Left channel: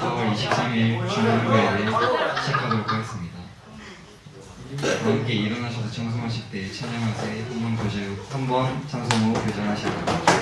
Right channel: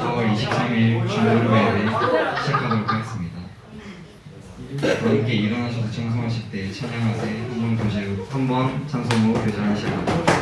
4월 23일 주일날에 시작하도록 하겠습니다. 함께 일어나셔서 청송하실 때 찬양하세 한번 찬송으로 대전하시기 바랍니다.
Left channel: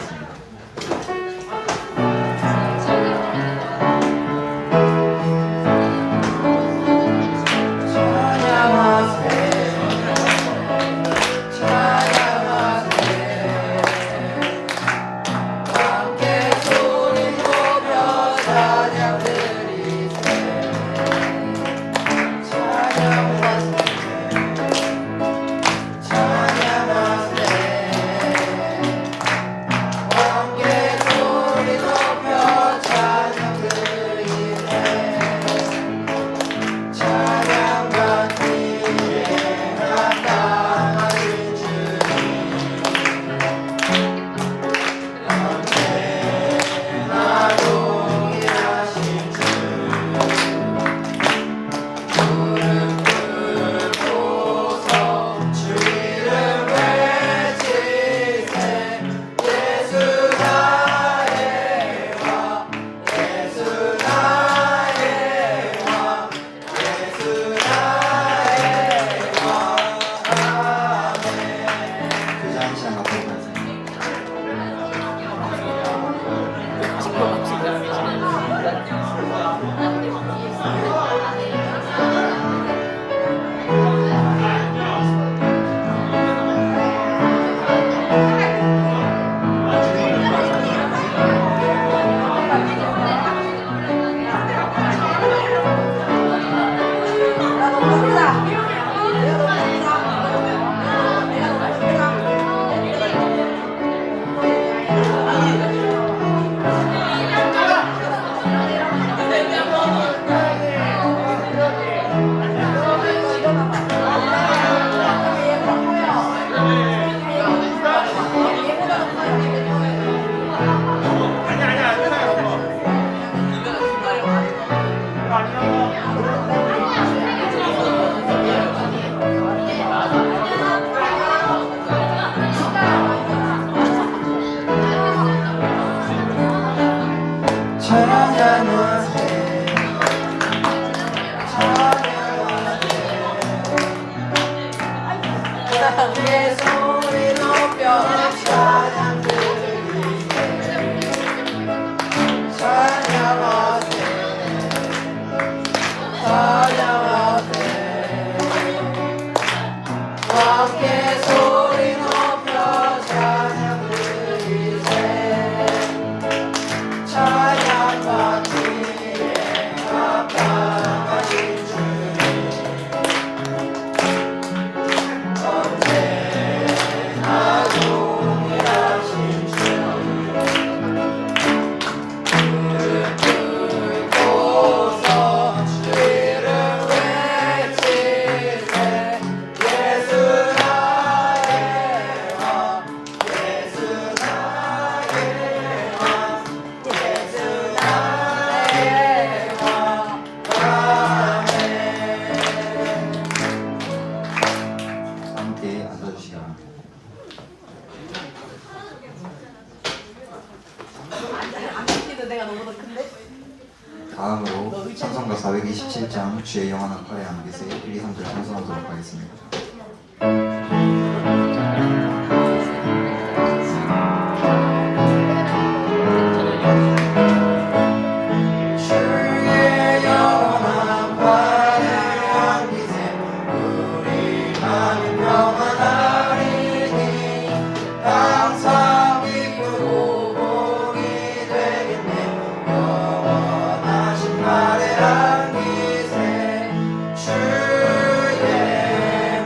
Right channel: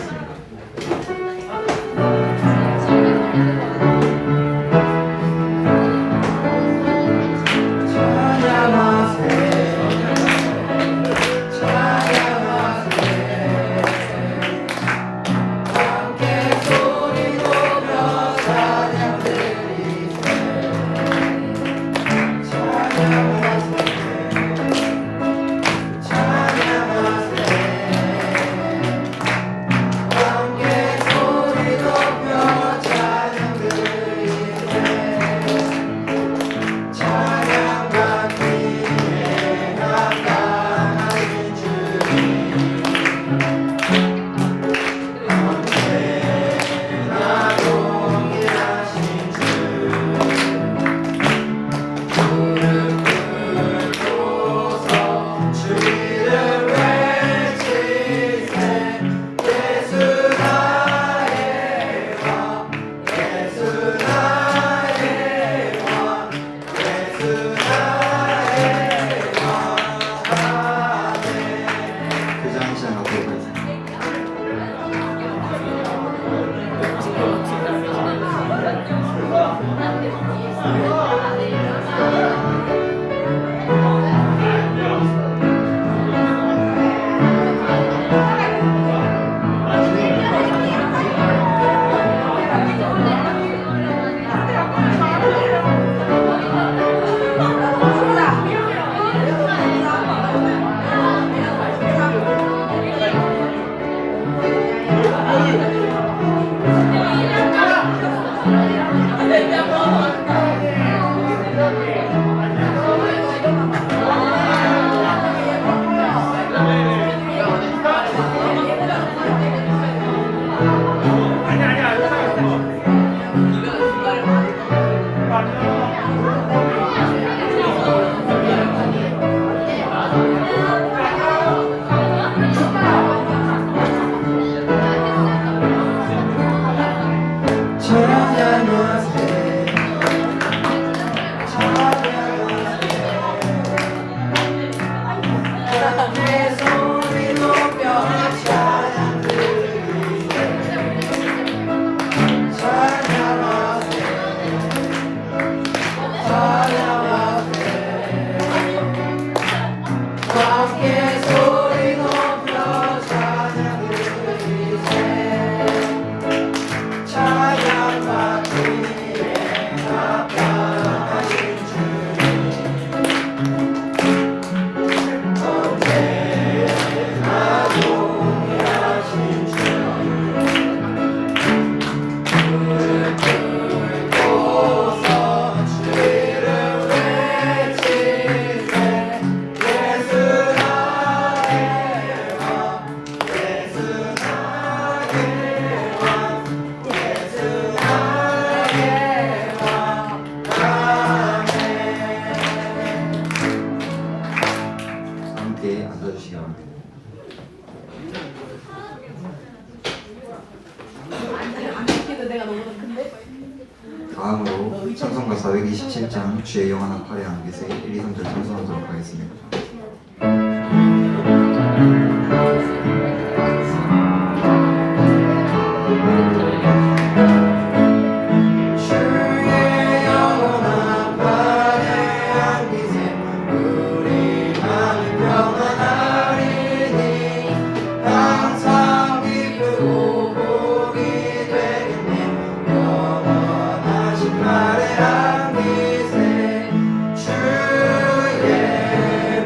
다음으로 찬송가 427장 주의 영원한 팔에 안기세 1, 2, 3절 찬송하도록 하겠습니다.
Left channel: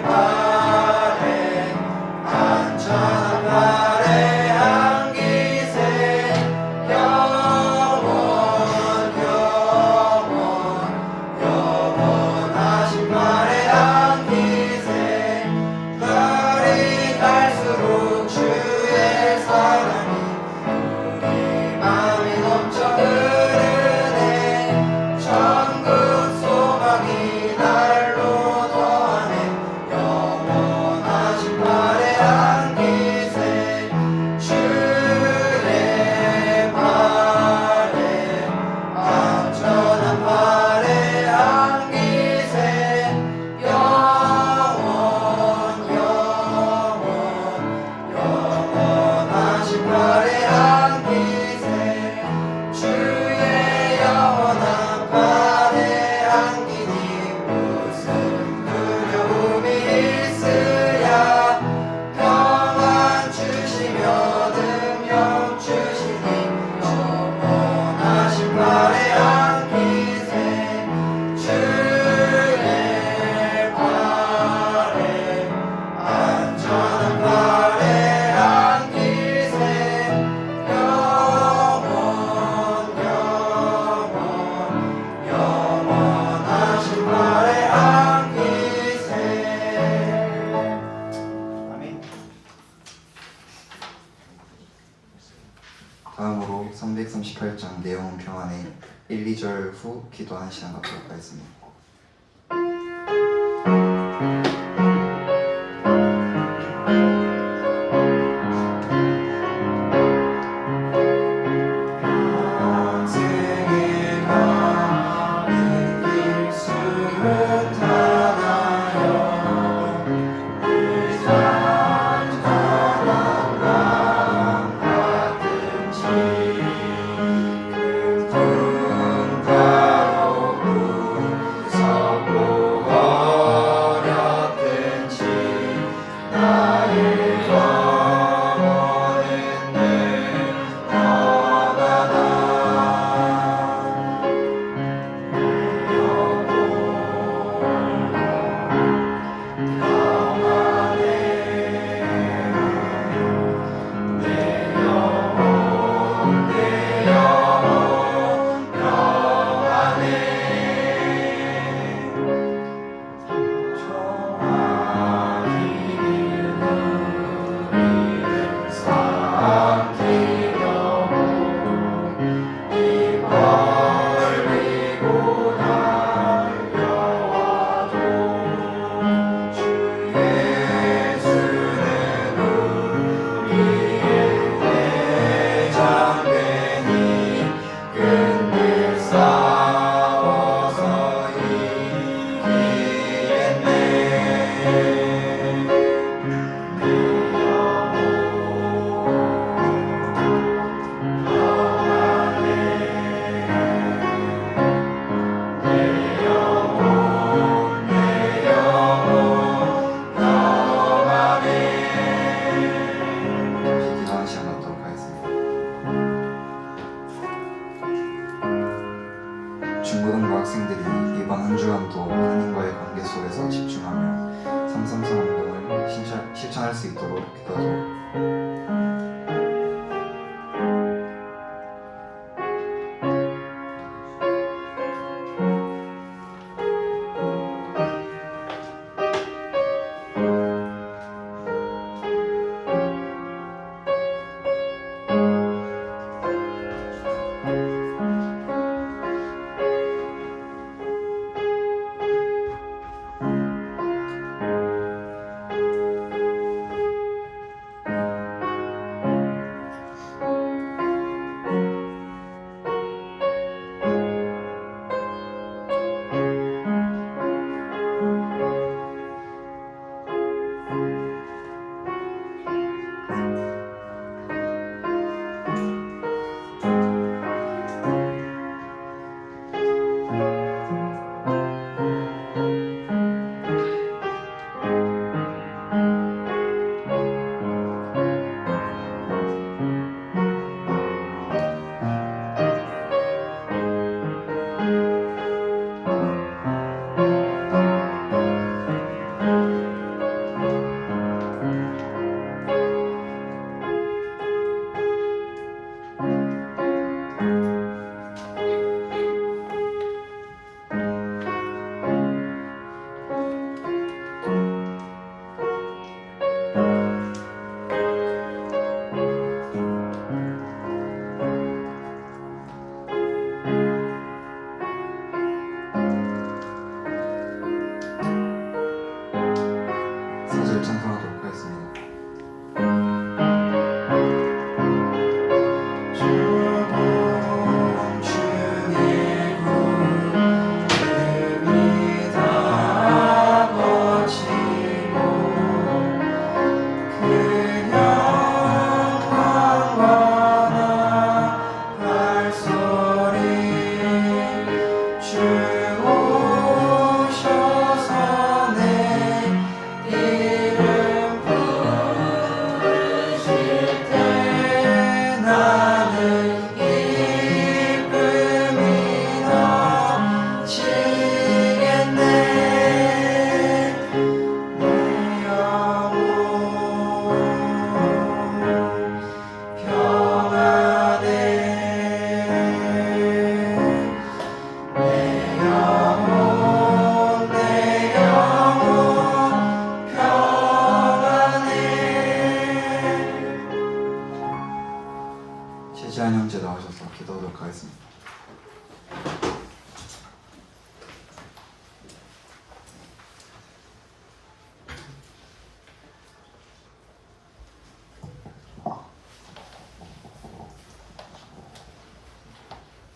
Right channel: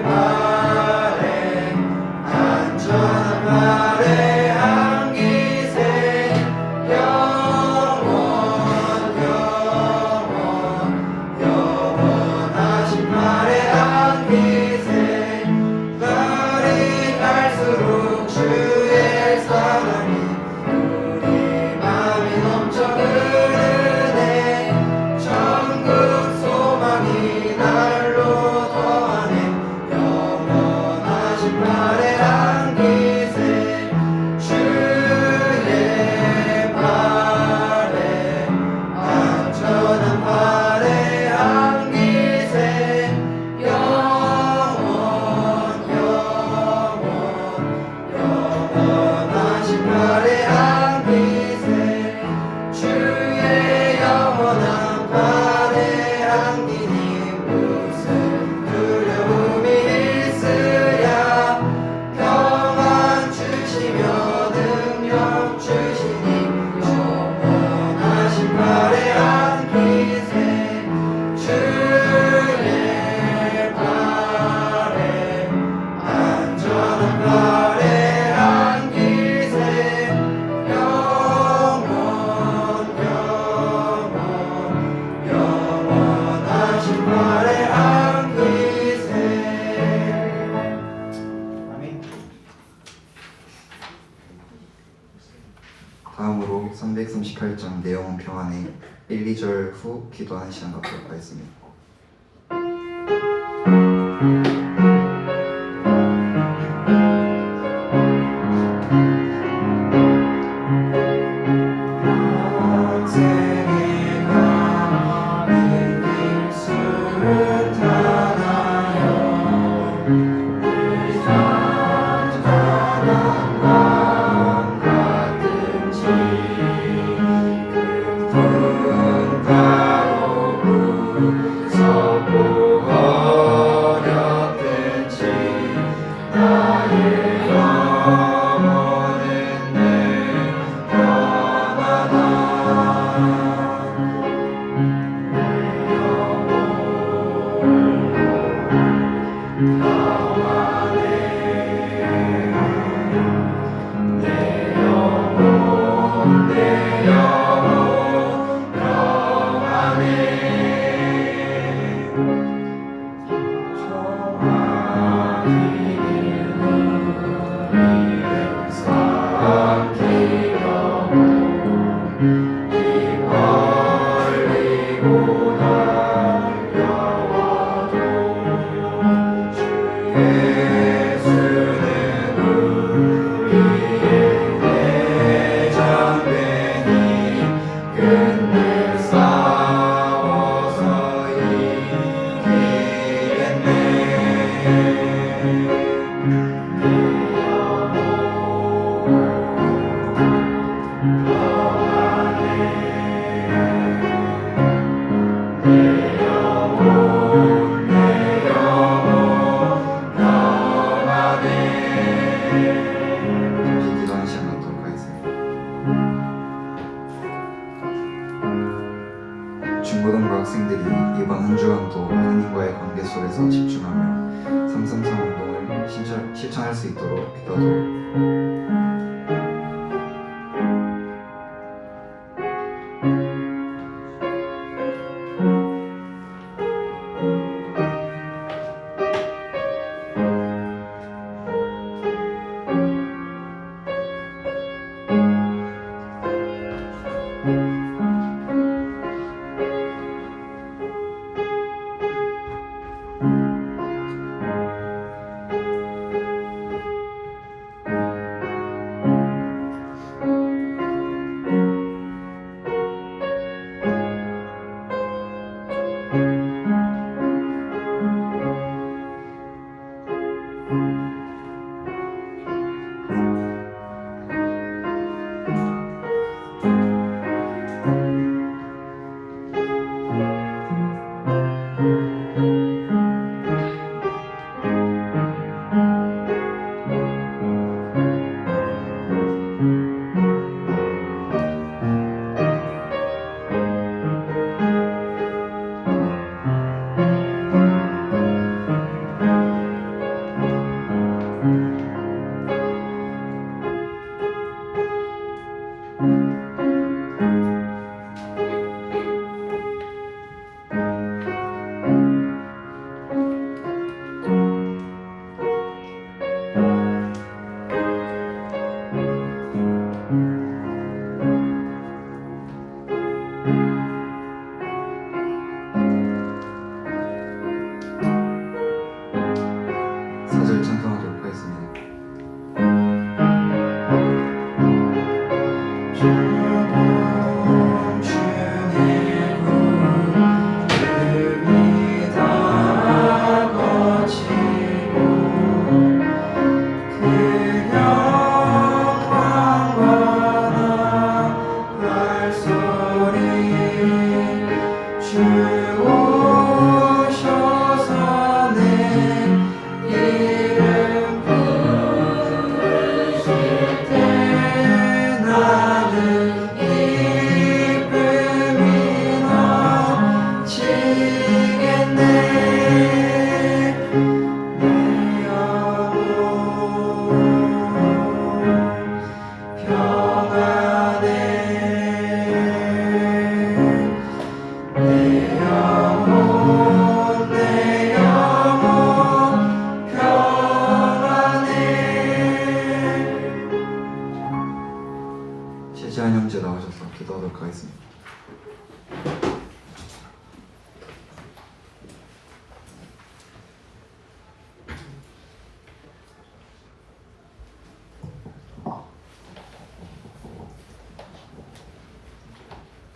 주의 내 영혼 평안해 1, 2절 후 기도하는 시간 갖도록 하겠습니다. 기도하는 시간 갖도록 하겠습니다. 중고등부 학생들이 이번 한 주간도 하나님과의 관계 속에서 집중하며 333 운동을 실천할 수 있도록 기도하도록.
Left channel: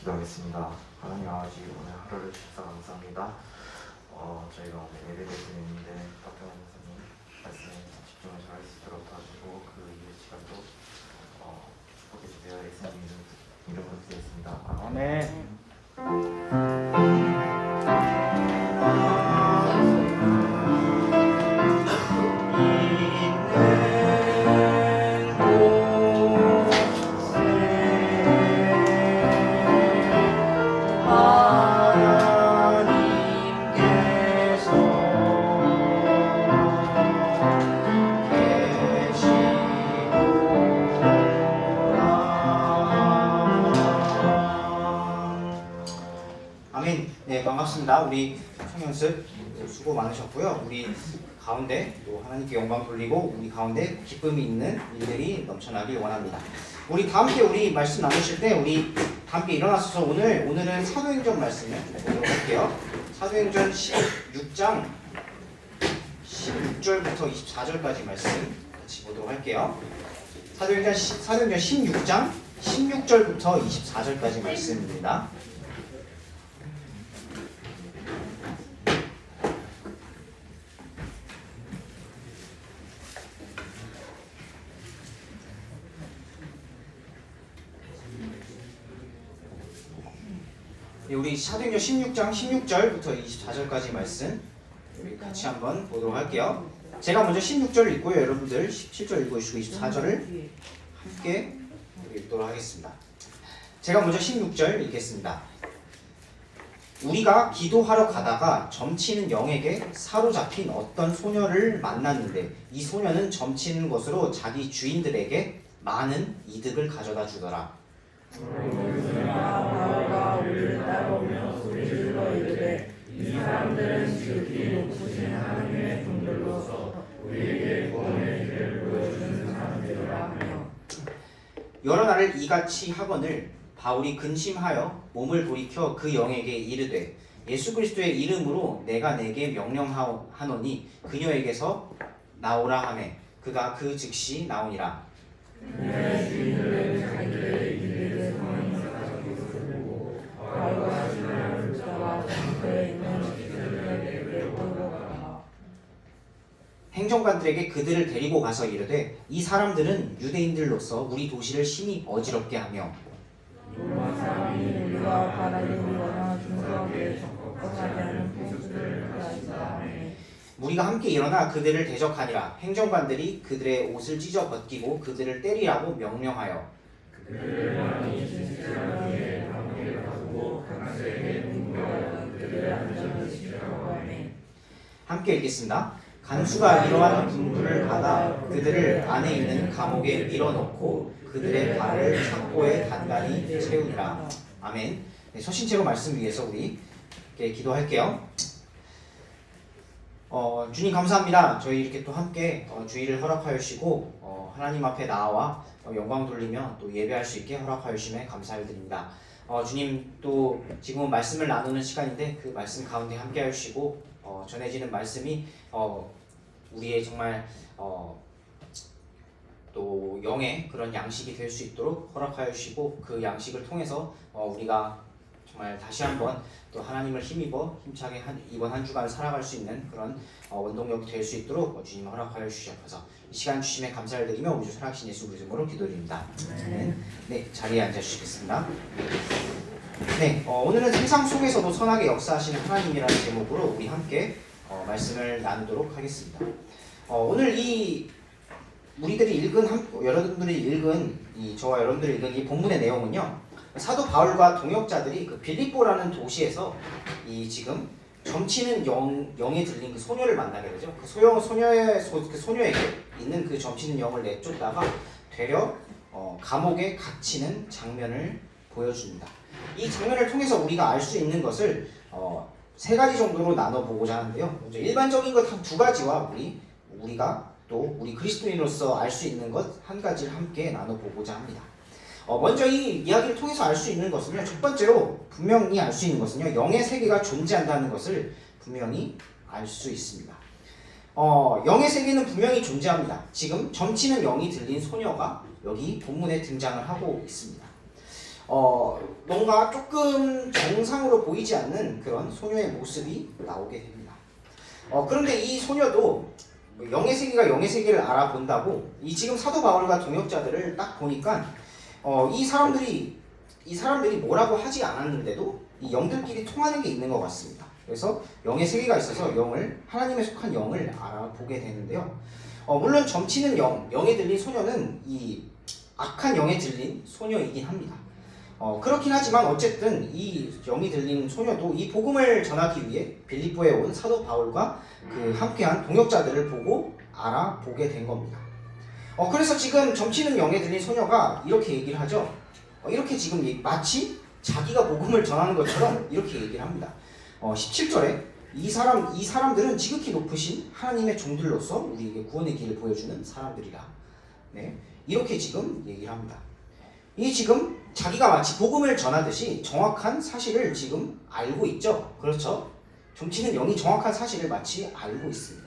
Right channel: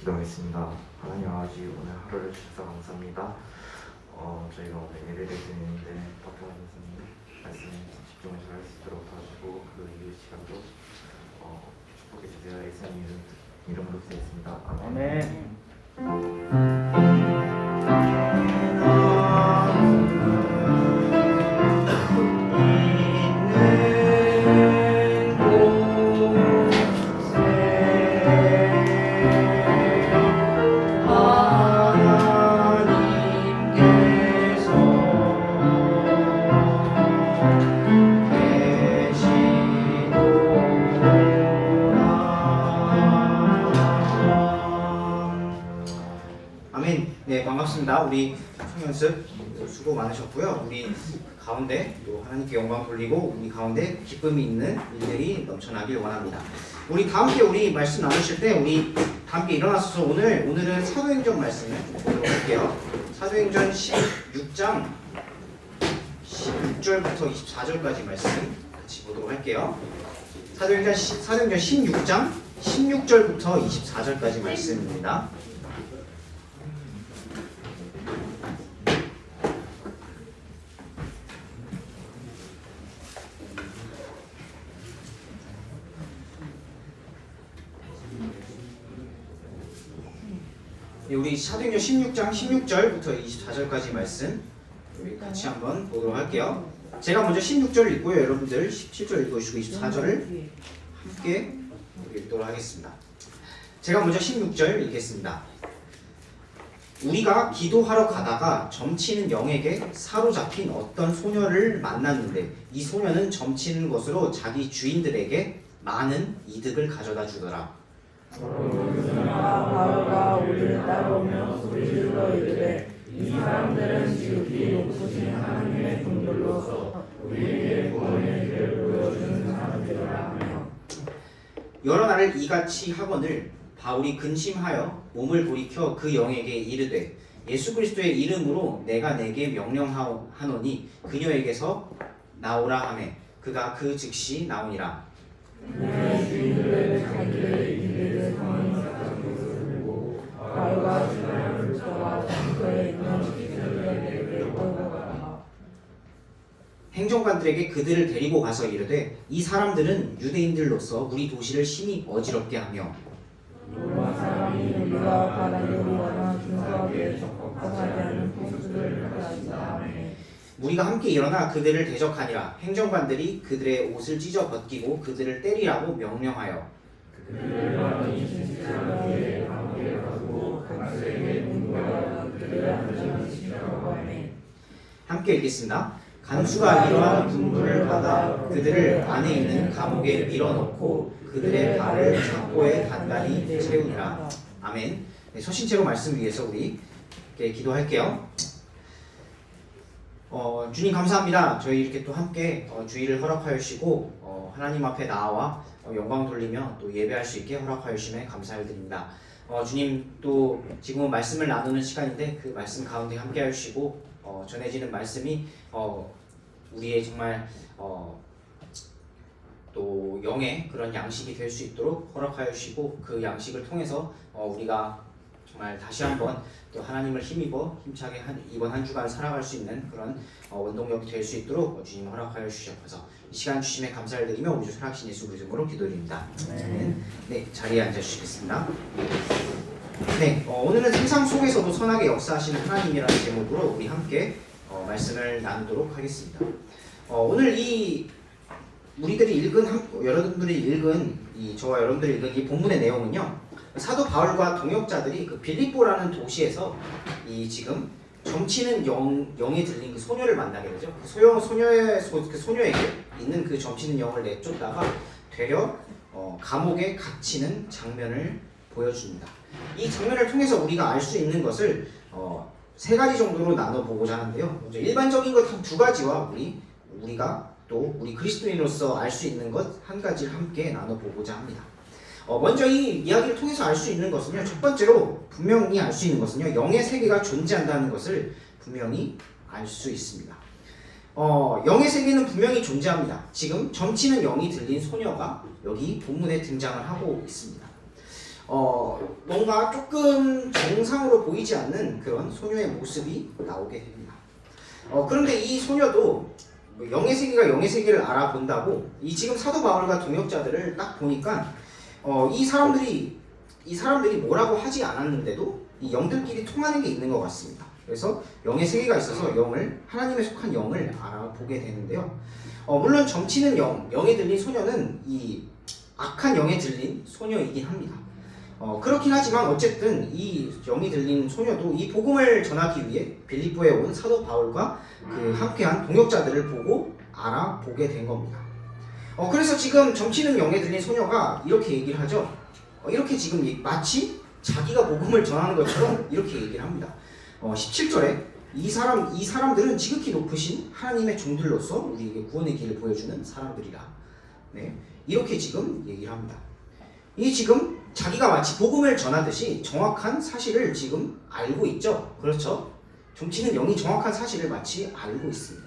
기도하겠습니다. 하나님 아버지, 오늘 하루를 주셔서 감사합니다. 저희가 오늘 예배를 드리는데 박경환 선생님 말씀에 집중해서 할 수 있도록 도와주고 그 이후 시간도 축복해 주세요. 예수님 이름으로 기도했습니다. 아멘. 네, 반갑습니다. 우리 청연습 수고 많으셨고요. 우리 가운데 또 하나님께 영광 돌리고 우리 가운데 기쁨이 있는 일들이 넘쳐나길 원합니다. 우리 다 함께 우리 말씀 나누실 때 우리 다 함께 일어나셔서 오늘은 사도행전 말씀을 보도록 할게요. 사도행전 16장 16절부터 24절까지 말씀 같이 보도록 할게요. 사도행전 16장 16절부터 24절까지 말씀입니다. 우리 사도행전 16장 16절부터 24절까지 말씀 우리 같이 한번 보도록 할게요. 제가 먼저 16절 읽고요. 여러분들 17절 읽어주시고 24절을 함께 읽도록 하겠습니다. 제가 먼저 16절 읽겠습니다. 우리가 기도하러 가다가 점치는 영에게 사로잡힌 어떤 소녀를 만났는데 이 소녀는 점치는 것으로 자기 주인들에게 많은 이득을 가져다 주더라. 바울과 우리를 따라오며 소리질러 이르되 이 사람들은 지극히 높으신 하나님의 종들로서 우리에게 구원의 길을 보여주는 사람들이라 하며 여러 날을 이같이 하거늘 바울이 근심하여 몸을 돌이켜 그 영에게 이르되 예수 그리스도의 이름으로 내가 내게 명령하노니 그녀에게서 나오라 하매 그가 그 즉시 나오니라. 내 주인들은 자기들의 일에 성을 가지고 바울과 시라를 붙잡아 장소에 있는 식구들에게 끌어가라. 행정관들에게 그들을 데리고 가서 이르되 이 사람들은 유대인들로서 우리 도시를 심히 어지럽게 하며 로마 사람이 우리가 바라는 거나 중사하게 적극하게 하는 포수들을 가지다 하매 우리가 함께 일어나 그들을 대적하니라. 행정관들이 그들의 옷을 찢어 벗기고 그들을 때리라고 명령하여 그들을 많이 진실하게 감옥에 가두고 각세에게 분부하여 그들을 안전시키라고 하매 함께 읽겠습니다. 간수가 이러한 분부를 받아 그들을 안에 있는 감옥에 밀어넣고 그들의 발을 창고에 단단히 채우니라. 아멘. 네, 서신체로 말씀 위해서 우리 기도할게요. 주님 감사합니다. 저희 이렇게 또 함께 주의를 허락하여 주시고 하나님 앞에 나와 영광 돌리며 또 예배할 수 있게 허락하여 주심에 감사를 드립니다. 주님 또 지금은 말씀을 나누는 시간인데 그 말씀 가운데 함께 하여 주시고 전해지는 말씀이 우리의 정말 또 영의 그런 양식이 될 수 있도록 허락하여 주시고 그 양식을 통해서 우리가 정말 다시 한번 또 하나님을 힘입어 힘차게 이번 한 주간 살아갈 수 있는 그런 원동력이 될 수 있도록 주님 허락하여 주시옵소서. 이 시간 주심에 감사를 드리며 우리 주 살아계신 예수 그리스도로 기도드립니다. 네, 자리에 앉아 주시겠습니다. 네, 오늘은 세상 속에서도 선하게 역사하시는 하나님이라는 제목으로 우리 함께 말씀을 나누도록 하겠습니다. 오늘 이 우리들이 여러분들이 읽은 저와 여러분들이 읽은 이 본문의 내용은요. 사도 바울과 동역자들이 그 빌립보라는 도시에서 이 지금 점치는 영에 들린 그 소녀를 만나게 되죠. 그 소녀에게 있는 그 점치는 영을 내쫓다가 되려 감옥에 갇히는 장면을 보여줍니다. 이 장면을 통해서 우리가 알 수 있는 것을 세 가지 정도로 나눠보고자 하는데요. 먼저 일반적인 것 한 두 가지와 우리가 또 우리 그리스도인으로서 알 수 있는 것 한 가지를 함께 나눠보고자 합니다. 먼저 이 이야기를 통해서 알 수 있는 것은요. 첫 번째로 분명히 알 수 있는 것은요. 영의 세계가 존재한다는 것을 분명히 알 수 있습니다. 영의 세계는 분명히 존재합니다. 지금 점치는 영이 들린 소녀가 여기 본문에 등장을 하고 있습니다. 뭔가 조금 정상으로 보이지 않는 그런 소녀의 모습이 나오게 됩니다. 그런데 이 소녀도 영의 세계가 영의 세계를 알아본다고 이 지금 사도 바울과 동역자들을 딱 보니까 이 사람들이 뭐라고 하지 않았는데도 이 영들끼리 통하는 게 있는 것 같습니다. 그래서 영의 세계가 있어서 하나님에 속한 영을 알아보게 되는데요. 물론 점치는 영에 들린 소녀는 이 악한 영에 들린 소녀이긴 합니다. 그렇긴 하지만 어쨌든 이 영이 들린 소녀도 이 복음을 전하기 위해 빌립보에 온 사도 바울과 그 함께한 동역자들을 보고 알아보게 된 겁니다. 그래서 지금 점치는 영에 들린 소녀가 이렇게 얘기를 하죠. 이렇게 지금 마치 자기가 복음을 전하는 것처럼 이렇게 얘기를 합니다. 17절에 이 사람들은 지극히 높으신 하나님의 종들로서 우리에게 구원의 길을 보여주는 사람들이라. 네, 이렇게 지금 얘기를 합니다. 이 지금 자기가 마치 복음을 전하듯이 정확한 사실을 지금 알고 있죠. 그렇죠? 점치는 영이 정확한 사실을 마치 알고 있습니다.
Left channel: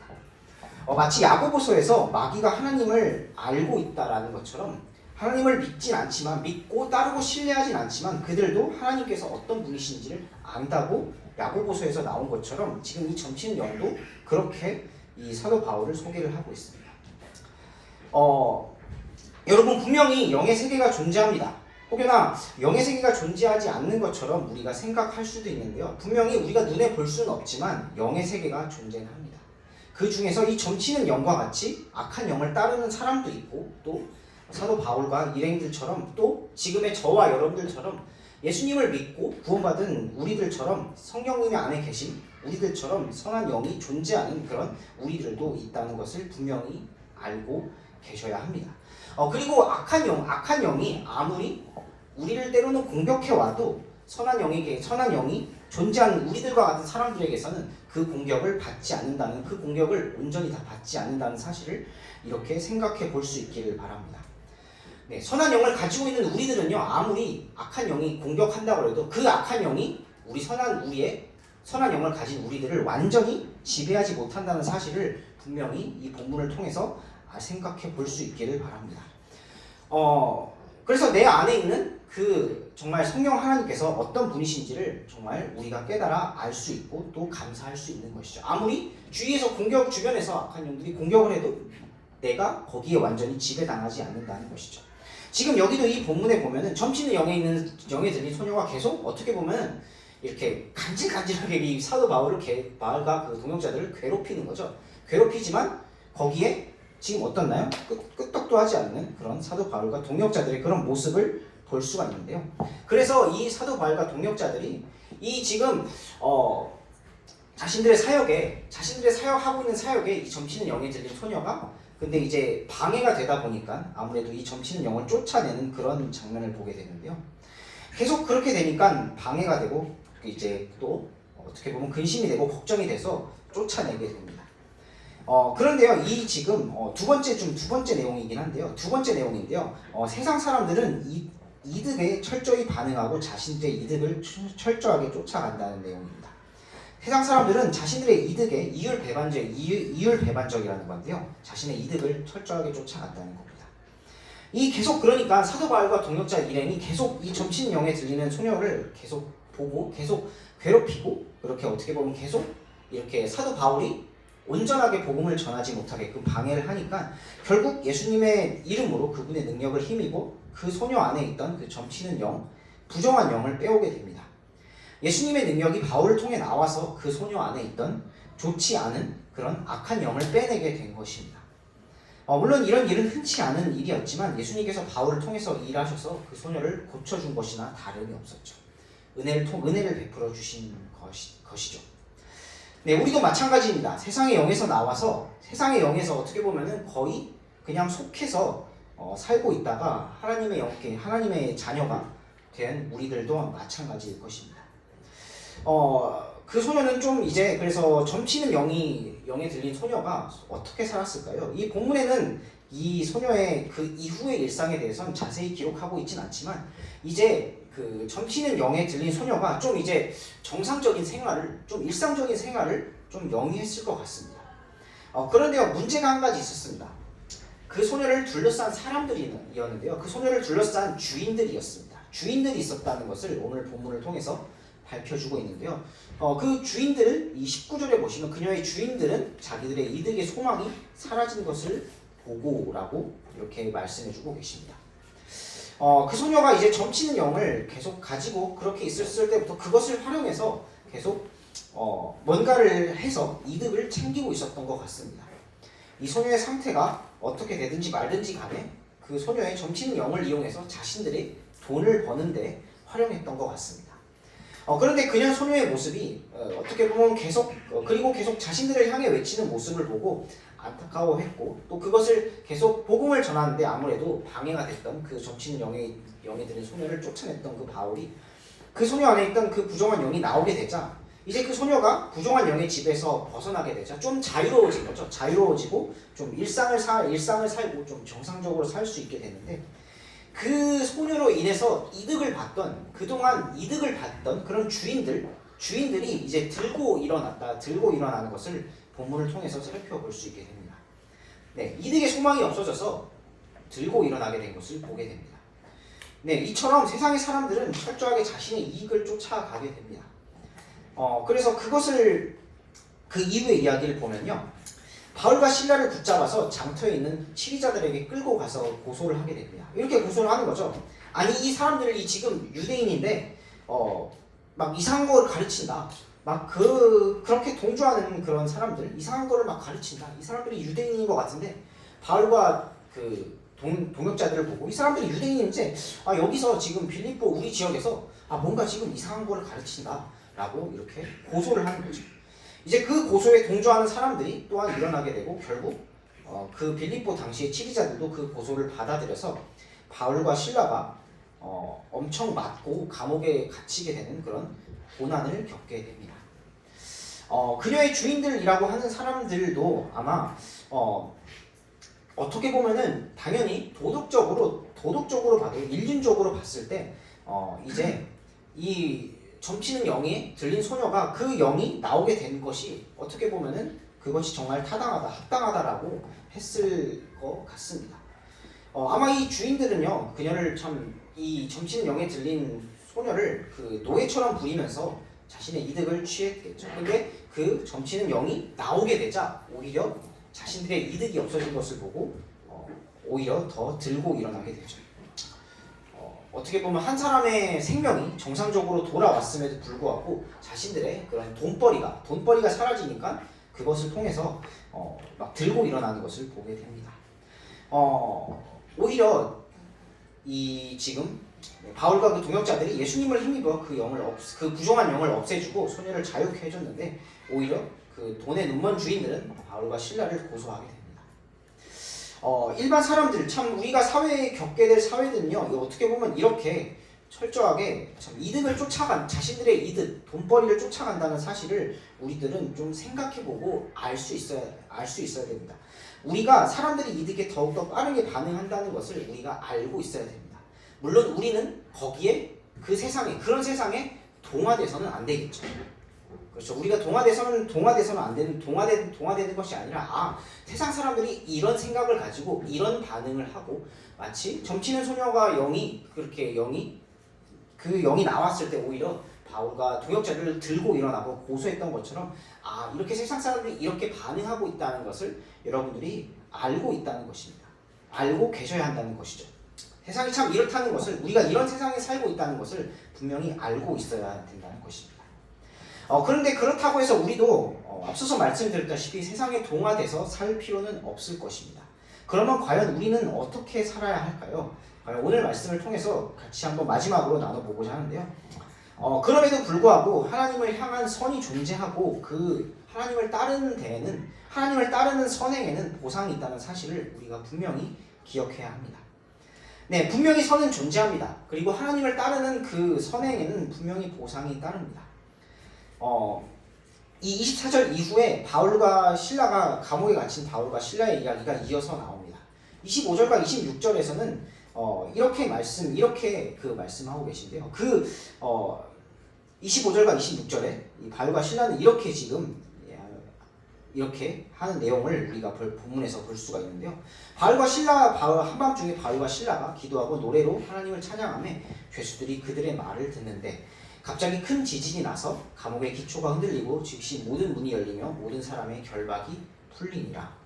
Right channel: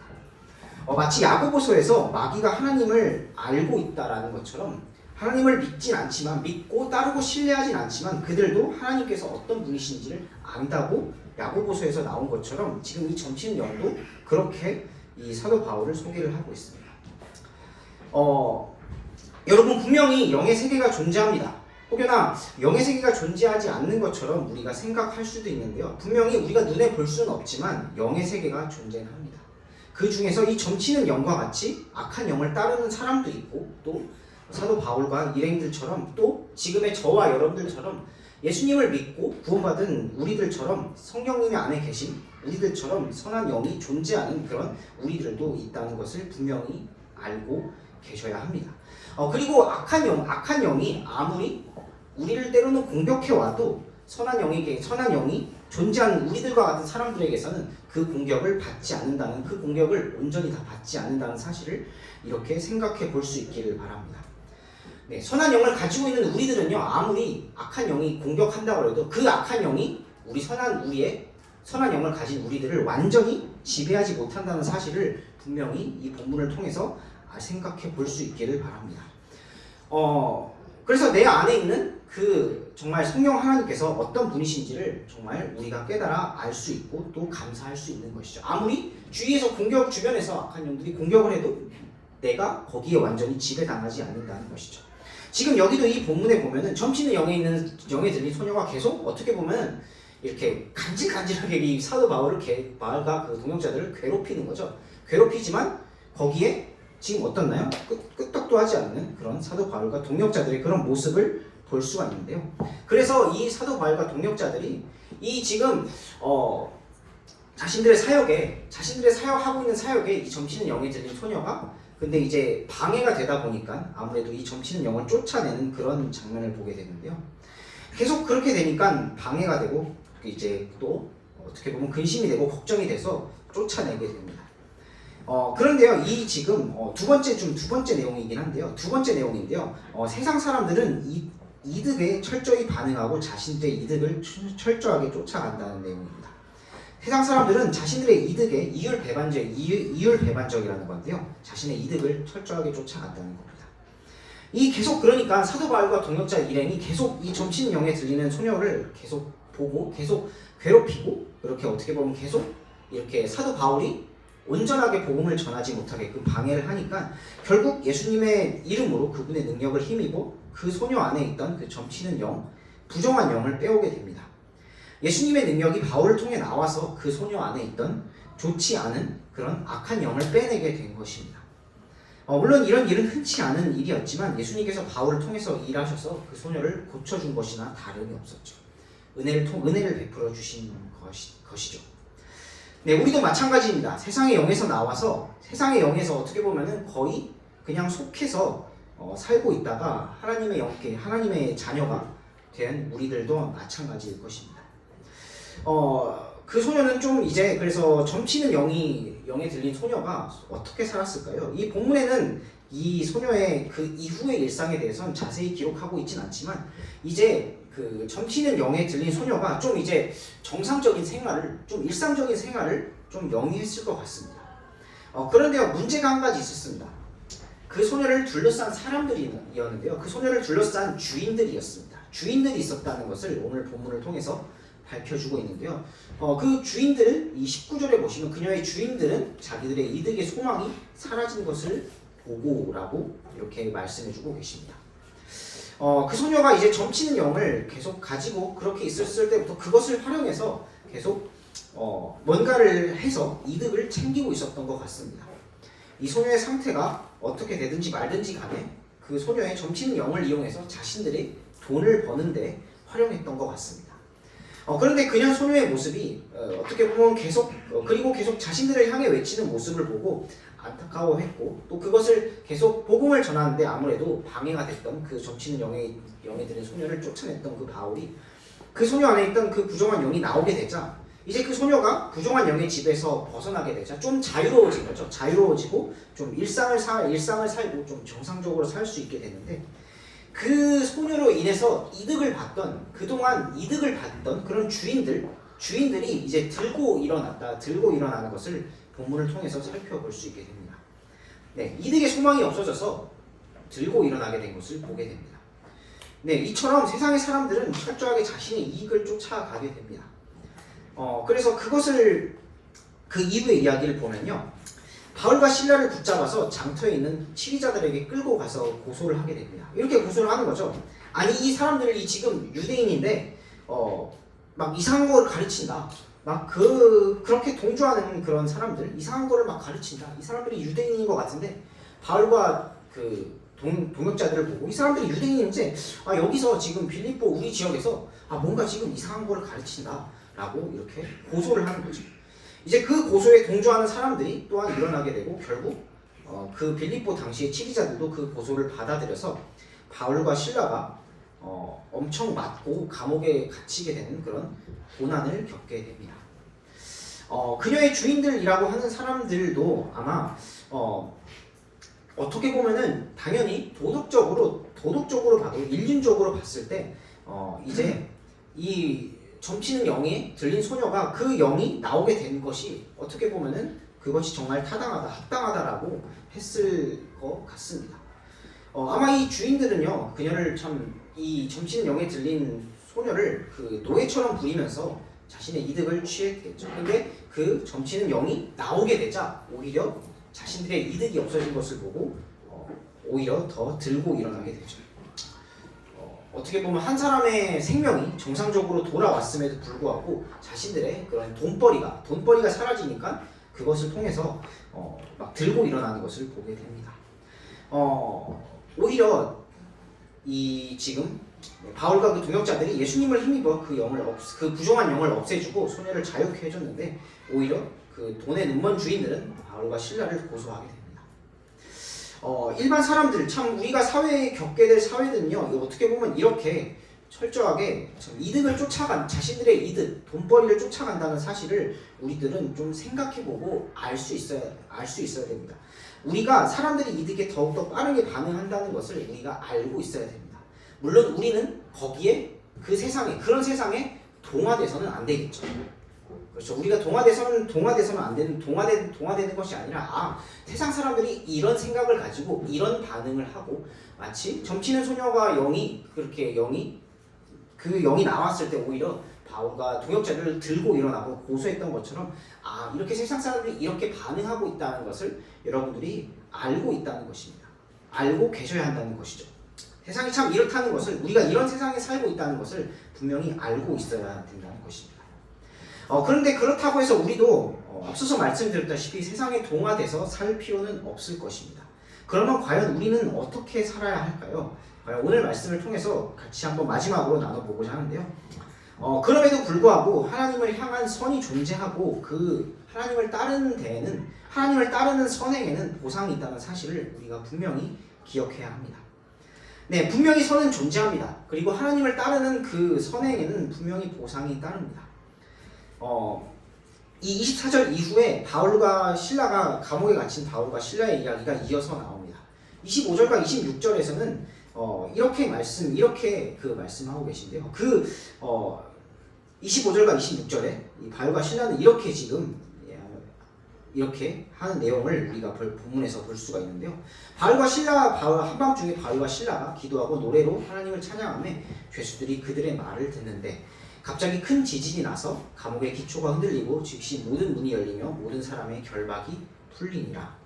마치 야고보서에서 마귀가 하나님을 알고 있다라는 것처럼 하나님을 믿진 않지만 믿고 따르고 신뢰하진 않지만 그들도 하나님께서 어떤 분이신지를 안다고 야고보서에서 나온 것처럼 지금 이 점치는 영도 그렇게 이 사도 바울을 소개를 하고 있습니다. 여러분 분명히 영의 세계가 존재합니다. 혹여나 영의 세계가 존재하지 않는 것처럼 우리가 생각할 수도 있는데요. 분명히 우리가 눈에 볼 수는 없지만 영의 세계가 존재합니다. 그 중에서 이 점치는 영과 같이 악한 영을 따르는 사람도 있고 또 사도 바울과 일행들처럼 또 지금의 저와 여러분들처럼 예수님을 믿고 구원받은 우리들처럼 성령님의 안에 계신 우리들처럼 선한 영이 존재하는 그런 우리들도 있다는 것을 분명히 알고 계셔야 합니다. 그리고 악한 영이 아무리 우리를 때로는 공격해 와도 선한 영이 존재하는 우리들과 같은 사람들에게서는 그 공격을 받지 않는다는, 그 공격을 온전히 다 받지 않는다는 사실을 이렇게 생각해 볼 수 있기를 바랍니다. 네, 선한 영을 가지고 있는 우리들은요, 아무리 악한 영이 공격한다고 해도 그 악한 영이 우리의 선한 영을 가진 우리들을 완전히 지배하지 못한다는 사실을 분명히 이 본문을 통해서 생각해 볼 수 있기를 바랍니다. 그래서 내 안에 있는 그 정말 성령 하나님께서 어떤 분이신지를 정말 우리가 깨달아 알 수 있고 또 감사할 수 있는 것이죠. 아무리 주변에서 악한 영들이 공격을 해도 내가 거기에 완전히 지배당하지 않는다는 것이죠. 지금 여기도 이 본문에 보면은 점치는 영에 들린 소녀가 계속 어떻게 보면 이렇게 간질간질하게 이 사도 바울과 그 동역자들을 괴롭히는 거죠. 괴롭히지만 거기에 지금 어떻나요? 끄떡도 하지 않는 그런 사도 바울과 동역자들의 그런 모습을 볼 수가 있는데요. 그래서 이 사도 바울과 동역자들이 이 지금 자신들의 사역하고 있는 사역에 이 점치는 영에 들린 소녀가 근데 이제 방해가 되다 보니까 아무래도 이 점치는 영을 쫓아내는 그런 장면을 보게 되는데요. 계속 그렇게 되니까 방해가 되고 이제 또 어떻게 보면 근심이 되고 걱정이 돼서 쫓아내게 됩니다. 그런데요, 이 지금 두 번째 내용이긴 한데요. 두 번째 내용인데요. 세상 사람들은 이득에 철저히 반응하고 자신들의 이득을 철저하게 쫓아간다는 내용입니다. 세상 사람들은 자신들의 이득에 이율배반적이라는 건데요. 자신의 이득을 철저하게 쫓아간다는 겁니다. 계속 그러니까 사도 바울과 동역자 일행이 계속 이 점치는 영에 들리는 소녀를 계속 보고 계속 괴롭히고 이렇게 어떻게 보면 계속 이렇게 사도 바울이 온전하게 복음을 전하지 못하게끔 방해를 하니까 결국 예수님의 이름으로 그분의 능력을 힘입어 그 소녀 안에 있던 그 점치는 영, 부정한 영을 빼오게 됩니다. 예수님의 능력이 바울을 통해 나와서 그 소녀 안에 있던 좋지 않은 그런 악한 영을 빼내게 된 것입니다. 물론 이런 일은 흔치 않은 일이었지만 예수님께서 바울을 통해서 일하셔서 그 소녀를 고쳐준 것이나 다름이 없었죠. 은혜를 베풀어 주신 것이죠. 네, 우리도 마찬가지입니다. 세상의 영에서 나와서 세상의 영에서 어떻게 보면은 거의 그냥 속해서 살고 있다가 하나님의 자녀가 된 우리들도 마찬가지일 것입니다. 그 소녀는 좀 이제 그래서 점치는 영에 들린 소녀가 어떻게 살았을까요? 이 본문에는 이 소녀의 그 이후의 일상에 대해서는 자세히 기록하고 있진 않지만 이제 그 점치는 영에 들린 소녀가 좀 이제 정상적인 생활을, 좀 일상적인 생활을 좀 영위했을 것 같습니다. 그런데요, 문제가 한 가지 있었습니다. 그 소녀를 둘러싼 사람들이었는데요, 그 소녀를 둘러싼 주인들이었습니다. 주인들이 있었다는 것을 오늘 본문을 통해서 밝혀주고 있는데요. 그 주인들, 이 19절에 보시면 그녀의 주인들은 자기들의 이득의 소망이 사라진 것을 보고라고 이렇게 말씀해주고 계십니다. 그 소녀가 이제 점치는 영을 계속 가지고 그렇게 있었을 때부터 그것을 활용해서 계속 뭔가를 해서 이득을 챙기고 있었던 것 같습니다. 이 소녀의 상태가 어떻게 되든지 말든지 간에 그 소녀의 점치는 영을 이용해서 자신들의 돈을 버는데 활용했던 것 같습니다. 그런데 그냥 소녀의 모습이 어떻게 보면 그리고 계속 자신들을 향해 외치는 모습을 보고 안타까워했고 또 그것을 계속 복음을 전하는데 아무래도 방해가 됐던 그 점치는 영에 드는 소녀를 쫓아냈던 그 바울이 그 소녀 안에 있던 그 부정한 영이 나오게 되자 이제 그 소녀가 부정한 영의 집에서 벗어나게 되자 좀 자유로워진 거죠. 자유로워지고 좀 일상을 살고 좀 정상적으로 살 수 있게 되는데 그 소녀로 인해서 그동안 이득을 받던 그런 주인들이 이제 들고 일어나는 것을 본문을 통해서 살펴볼 수 있게 됩니다. 네, 이득의 소망이 없어져서 들고 일어나게 된 것을 보게 됩니다. 네, 이처럼 세상의 사람들은 철저하게 자신의 이익을 쫓아가게 됩니다. 그래서 그 이후의 이야기를 보면요. 바울과 실라를 붙잡아서 장터에 있는 치리자들에게 끌고 가서 고소를 하게 됩니다. 이렇게 고소를 하는 거죠. 아니 이 사람들이 지금 유대인인데 막 이상한 거를 가르친다. 막 그렇게 동조하는 그런 사람들 이상한 거를 막 가르친다. 이 사람들이 유대인인 것 같은데 바울과 그 동역자들을 보고 이 사람들이 유대인인지 여기서 지금 빌립보 우리 지역에서 뭔가 지금 이상한 거를 가르친다 라고 이렇게 고소를 하는 거죠. 이제 그 고소에 동조하는 사람들이 또한 일어나게 되고 결국 그 빌립보 당시의 치리자들도 그 고소를 받아들여서 바울과 실라가 엄청 맞고 감옥에 갇히게 되는 그런 고난을 겪게 됩니다. 그녀의 주인들이라고 하는 사람들도 아마 어떻게 보면은 당연히 도덕적으로 봐도 인륜적으로 봤을 때 이제 이 점치는 영이 들린 소녀가 그 영이 나오게 된 것이 어떻게 보면은 그것이 정말 타당하다, 합당하다라고 했을 것 같습니다. 아마 이 주인들은요, 그녀를 이 점치는 영에 들린 소녀를 그 노예처럼 부리면서 자신의 이득을 취했겠죠. 근데 그 점치는 영이 나오게 되자 오히려 자신들의 이득이 없어진 것을 보고 오히려 더 들고 일어나게 되죠. 어떻게 보면 한 사람의 생명이 정상적으로 돌아왔음에도 불구하고 자신들의 그런 돈벌이가 사라지니까 그것을 통해서 막 들고 일어나는 것을 보게 됩니다. 오히려 이 지금 바울과 그 동역자들이 예수님을 힘입어 그 부정한 영을 없애주고 소녀를 자유케 해줬는데 오히려 그 돈의 눈먼 주인들은 바울과 실라를 고소하게 됩니다. 일반 사람들 우리가 사회에 겪게 될 사회들은요 어떻게 보면 이렇게 철저하게 이득을 자신들의 이득, 돈벌이를 쫓아간다는 사실을 우리들은 좀 생각해보고 알 수 있어야 됩니다. 우리가 사람들이 이득에 더욱더 빠르게 반응한다는 것을 우리가 알고 있어야 됩니다. 물론 우리는 거기에 그런 세상에 동화돼서는 안 되겠죠. 그렇죠. 우리가 동화돼서는 안 되는 동화되는 것이 아니라 세상 사람들이 이런 생각을 가지고 이런 반응을 하고 마치 점치는 소녀가 그 영이 나왔을 때 오히려 바울과 동역자들을 들고 일어나고 고소했던 것처럼 이렇게 세상 사람들이 이렇게 반응하고 있다는 것을 여러분들이 알고 있다는 것입니다. 알고 계셔야 한다는 것이죠. 세상이 참 이렇다는 것을 우리가 이런 세상에 살고 있다는 것을 분명히 알고 있어야 된다는 것입니다. 그런데 그렇다고 해서 우리도 앞서서 말씀드렸다시피 세상에 동화돼서 살 필요는 없을 것입니다. 그러면 과연 우리는 어떻게 살아야 할까요? 오늘 말씀을 통해서 같이 한번 마지막으로 나눠보고자 하는데요. 그럼에도 불구하고 하나님을 향한 선이 존재하고 그 하나님을 따르는 선행에는 보상이 있다는 사실을 우리가 분명히 기억해야 합니다. 네, 분명히 선은 존재합니다. 그리고 하나님을 따르는 그 선행에는 분명히 보상이 따릅니다. 이 24절 이후에 감옥에 갇힌 바울과 실라의 이야기가 이어서 나옵니다. 25절과 26절에서는 이렇게 말씀하고 계신데요. 25절과 26절에 이 바울과 실라는 이렇게 지금 이렇게 하는 내용을 우리가 본문에서 볼 수가 있는데요. 바울과 신라, 한밤중에 바울과 신라가 기도하고 노래로 하나님을 찬양하며 죄수들이 그들의 말을 듣는데 갑자기 큰 지진이 나서 감옥의 기초가 흔들리고 즉시 모든 문이 열리며 모든 사람의 결박이 풀리니라.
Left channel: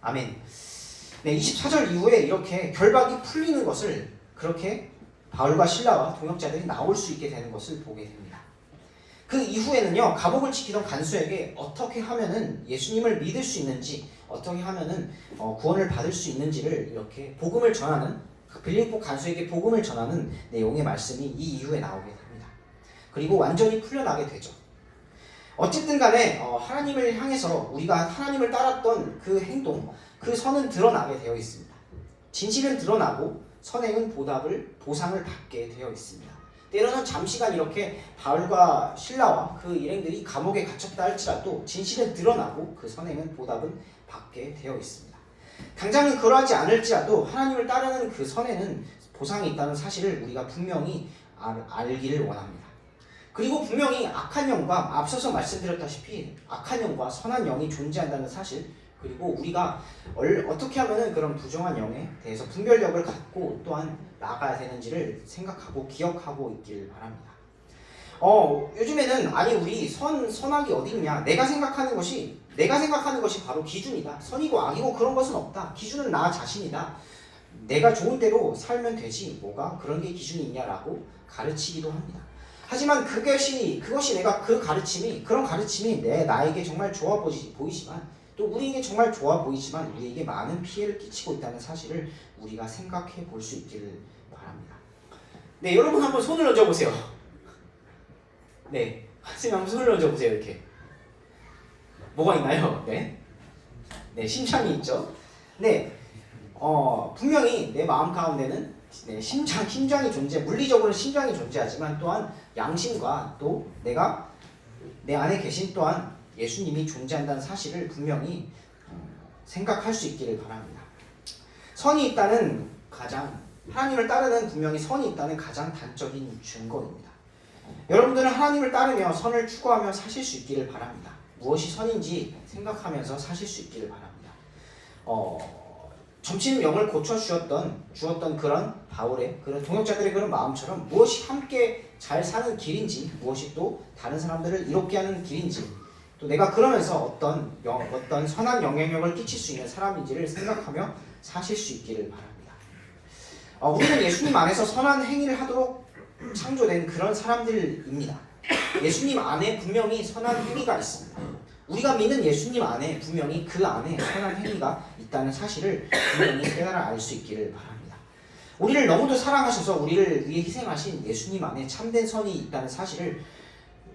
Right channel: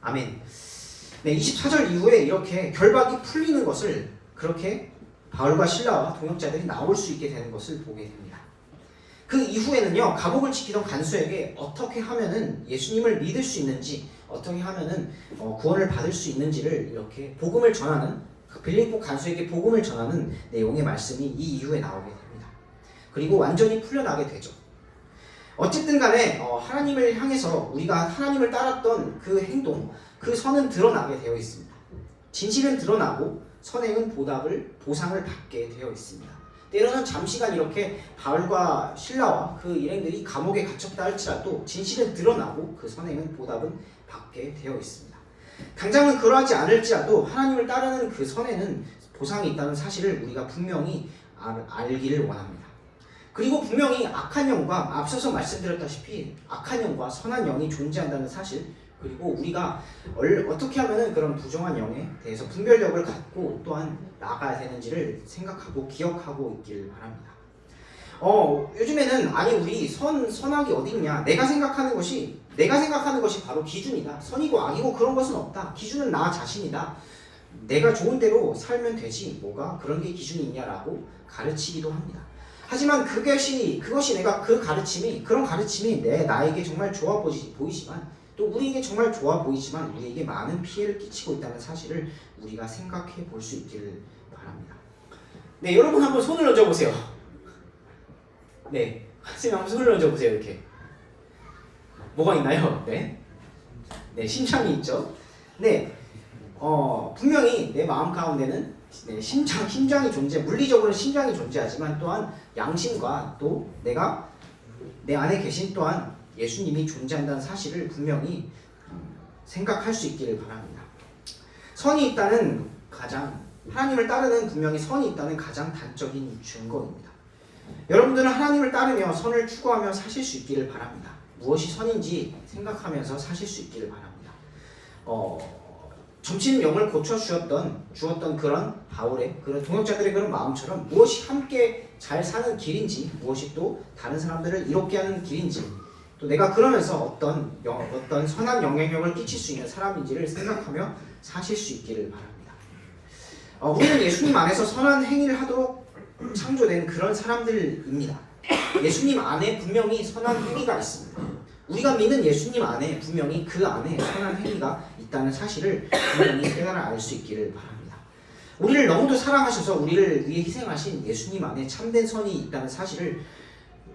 아멘. 네, 24절 이후에 이렇게 결박이 풀리는 것을 그렇게 바울과 신라와 동역자들이 나올 수 있게 되는 것을 보게 됩니다. 그 이후에는요, 감옥을 지키던 간수에게 어떻게 하면은 예수님을 믿을 수 있는지, 어떻게 하면은 구원을 받을 수 있는지를 이렇게 복음을 전하는, 빌립보 간수에게 복음을 전하는 내용의 말씀이 이 이후에 나오게 됩니다. 그리고 완전히 풀려나게 되죠. 어쨌든 간에 하나님을 향해서 우리가 하나님을 따랐던 그 행동, 그 선은 드러나게 되어 있습니다. 진실은 드러나고 선행은 보상을 받게 되어 있습니다. 때로는 잠시간 이렇게 바울과 신라와 그 일행들이 감옥에 갇혔다 할지라도 진실은 드러나고 그 선행은 보답은 받게 되어 있습니다. 당장은 그러하지 않을지라도 하나님을 따르는 그 선에는 보상이 있다는 사실을 우리가 분명히 알기를 원합니다. 그리고 분명히 악한 영과 앞서서 말씀드렸다시피 악한 영과 선한 영이 존재한다는 사실, 그리고 우리가 어떻게 하면 그런 부정한 영에 대해서 분별력을 갖고 또한 나아가야 되는지를 생각하고 기억하고 있길 바랍니다. 요즘에는 아니 우리 선악이 어디 있냐, 내가 생각하는 것이 바로 기준이다, 선이고 악이고 그런 것은 없다, 기준은 나 자신이다, 내가 좋은 대로 살면 되지 뭐가 그런 게 기준이 있냐라고 가르치기도 합니다. 하지만 그것이 내가 그런 가르침이 나에게 정말 좋아 보이지만 또 우리에게 정말 좋아 보이지만 우리에게 많은 피해를 끼치고 있다는 사실을 우리가 생각해 볼 수 있기를 바랍니다. 네, 여러분 한번 손을 얹어 보세요. 네, 선생님 한번 손을 얹어 보세요. 이렇게 뭐가 있나요? 네, 심장이 있죠. 네, 분명히 내 마음 가운데는 심장이 물리적으로는 심장이 존재하지만 또한 양심과 또 내가 내 안에 계신 또한 예수님이 존재한다는 사실을 분명히 생각할 수 있기를 바랍니다. 선이 있다는 하나님을 따르는 분명히 선이 있다는 가장 단적인 증거입니다. 여러분들은 하나님을 따르며 선을 추구하며 사실 수 있기를 바랍니다. 무엇이 선인지 생각하면서 사실 수 있기를 바랍니다. 점치는 영을 주었던 그런 바울의 그런 동역자들의 그런 마음처럼 무엇이 함께 잘 사는 길인지, 무엇이 또 다른 사람들을 이롭게 하는 길인지, 또 내가 그러면서 어떤 선한 영향력을 끼칠 수 있는 사람인지를 생각하며 사실 수 있기를 바랍니다. 우리는 예수님 안에서 선한 행위를 하도록 창조된 그런 사람들입니다. 예수님 안에 분명히 선한 행위가 있습니다. 우리가 믿는 예수님 안에 분명히 그 안에 선한 행위가 있다는 사실을 분명히 깨달아 알 수 있기를 바랍니다. 우리를 너무도 사랑하셔서 우리를 위해 희생하신 예수님 안에 참된 선이 있다는 사실을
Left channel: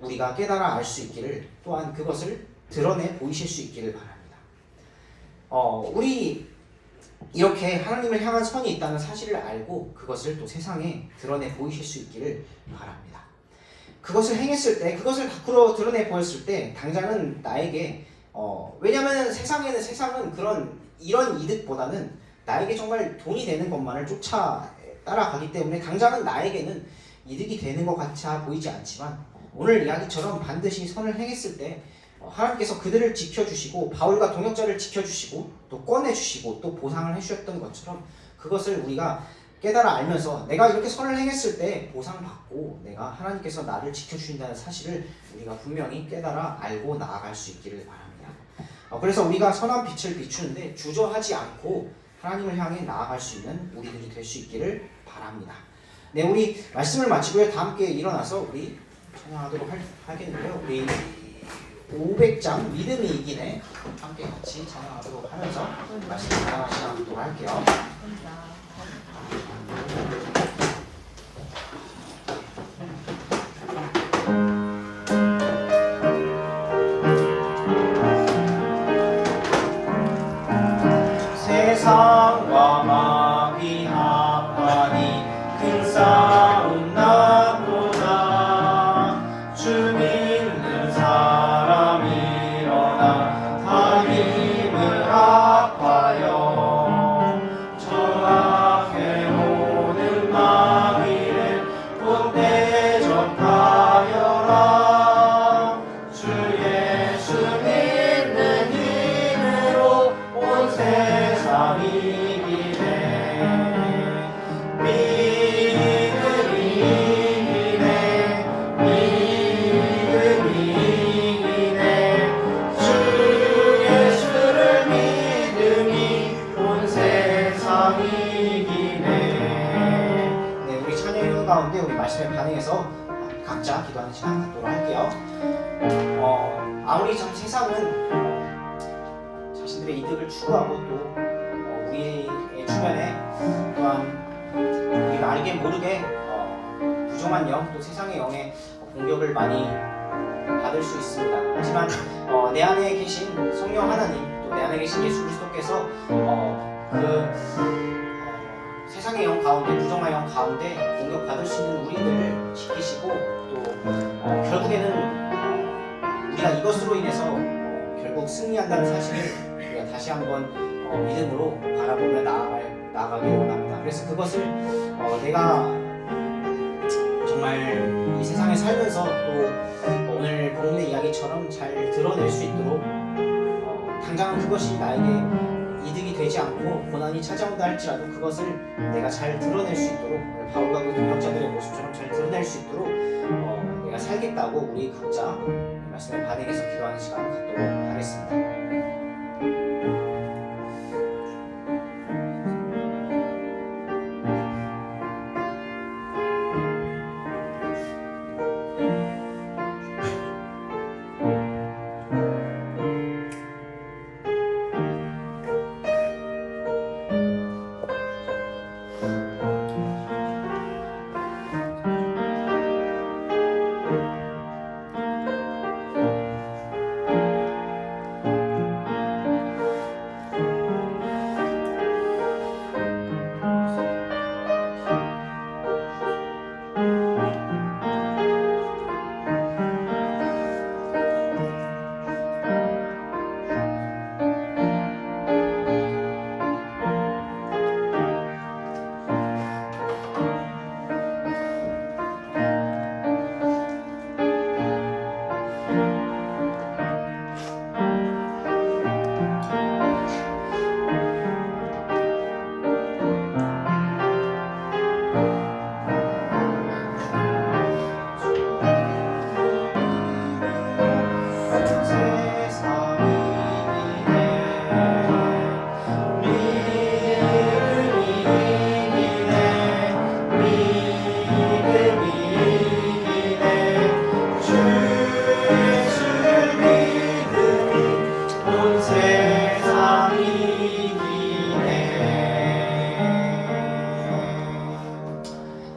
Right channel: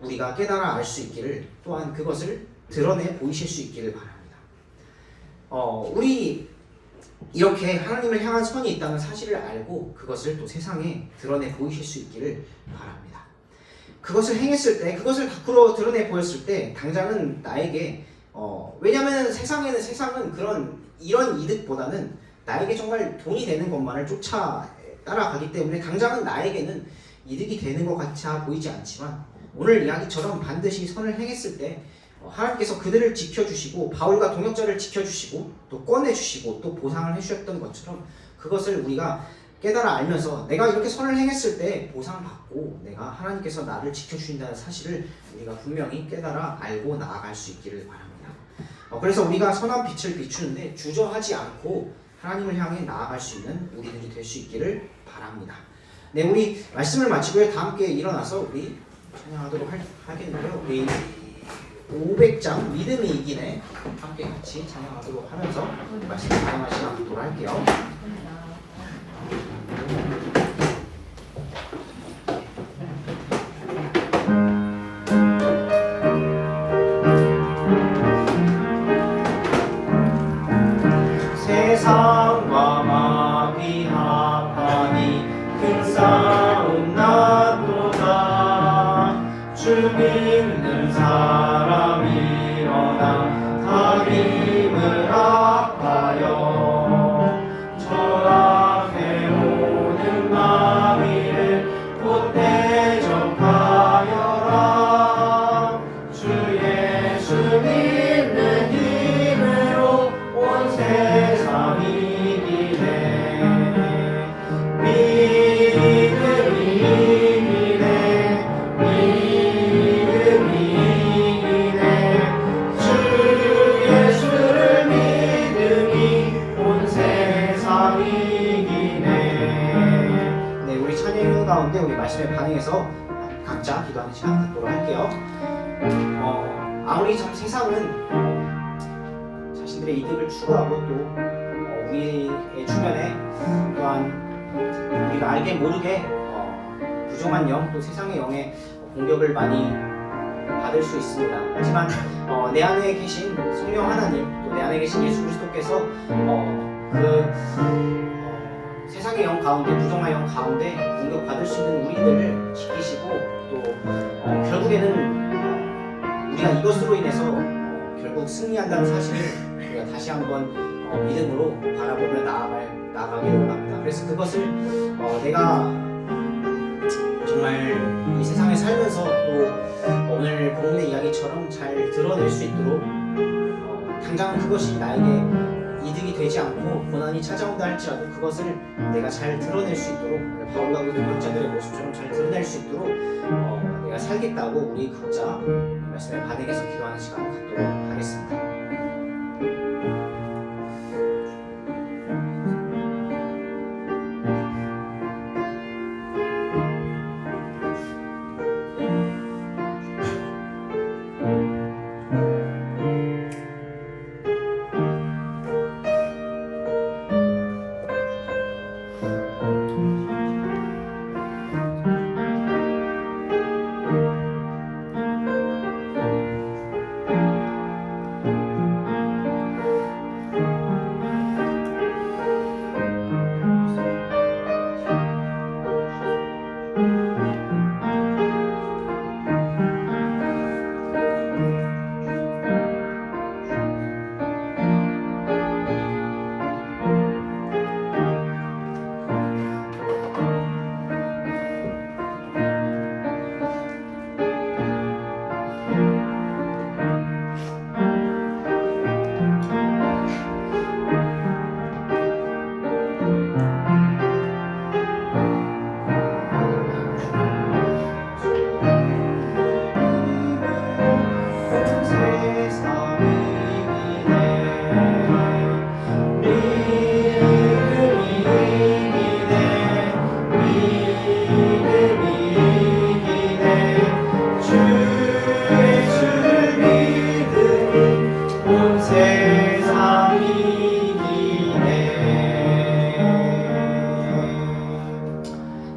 우리가 깨달아 알 수 있기를, 또한 그것을 드러내 보이실 수 있기를 바랍니다. 우리 이렇게 하나님을 향한 선이 있다는 사실을 알고 그것을 또 세상에 드러내 보이실 수 있기를 바랍니다. 그것을 행했을 때, 그것을 밖으로 드러내 보였을 때 당장은 나에게 왜냐하면 세상은 이런 이득보다는 나에게 정말 돈이 되는 것만을 따라가기 때문에 당장은 나에게는 이득이 되는 것 같이 보이지 않지만 오늘 이야기처럼 반드시 선을 행했을 때 하나님께서 그들을 지켜주시고 바울과 동역자를 지켜주시고 또 꺼내주시고 또 보상을 해주셨던 것처럼 그것을 우리가 깨달아 알면서 내가 이렇게 선을 행했을 때 보상받고 내가 하나님께서 나를 지켜주신다는 사실을 우리가 분명히 깨달아 알고 나아갈 수 있기를 바랍니다. 그래서 우리가 선한 빛을 비추는데 주저하지 않고 하나님을 향해 나아갈 수 있는 우리들이 될 수 있기를 바랍니다. 네, 우리 말씀을 마치고요. 다 함께 일어나서 우리 찬양하도록 하겠는데요. 우리 500장 믿음이 이기네 함께 같이 찬양하도록 하면서 말씀을 진행하시도록 할게요. 세상과 마귀 합하니 큰 싸움 났도다. 주 믿는 사람이 일어나 다 힘을 합하여 저항해 오는 마귀를 곧 대적하여라. 주 예수 믿는 기도하는 시간 갖도록 할게요. 아무리 참 세상은 자신들의 이득을 추구하고 또 우리의 주변에 또한 우리가 알게 모르게 부정한 영 또 세상의 영의 공격을 많이 받을 수 있습니다. 하지만 내 안에 계신 성령 하나님 또 내 안에 계신 예수 그리스도께서 세상의 영 가운데 부정한 영 가운데 공격받을 수 있는 우리들을 지키시고 또 결국에는 우리가 이것으로 인해서 결국 승리한다는 사실을 우리가 다시 한번 믿음으로 바라보며 나아가길 원합니다. 그래서 그것을 내가 정말 이 세상에 살면서 또 오늘 본문의 이야기처럼 잘 드러낼 수 있도록 당장 그것이 나에게 이득이 되지 않고 고난이 찾아온다 할지라도 그것을 내가 잘 드러낼 수 있도록 바울과 그 동역자들의 모습처럼 잘 드러낼 수 있도록 내가 살겠다고 우리 각자 말씀에 반응해서 기도하는 시간 갖도록 하겠습니다.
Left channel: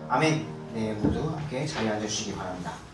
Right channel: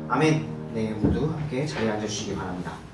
아멘. 네, 모두 함께 자리에 앉아주시기 바랍니다.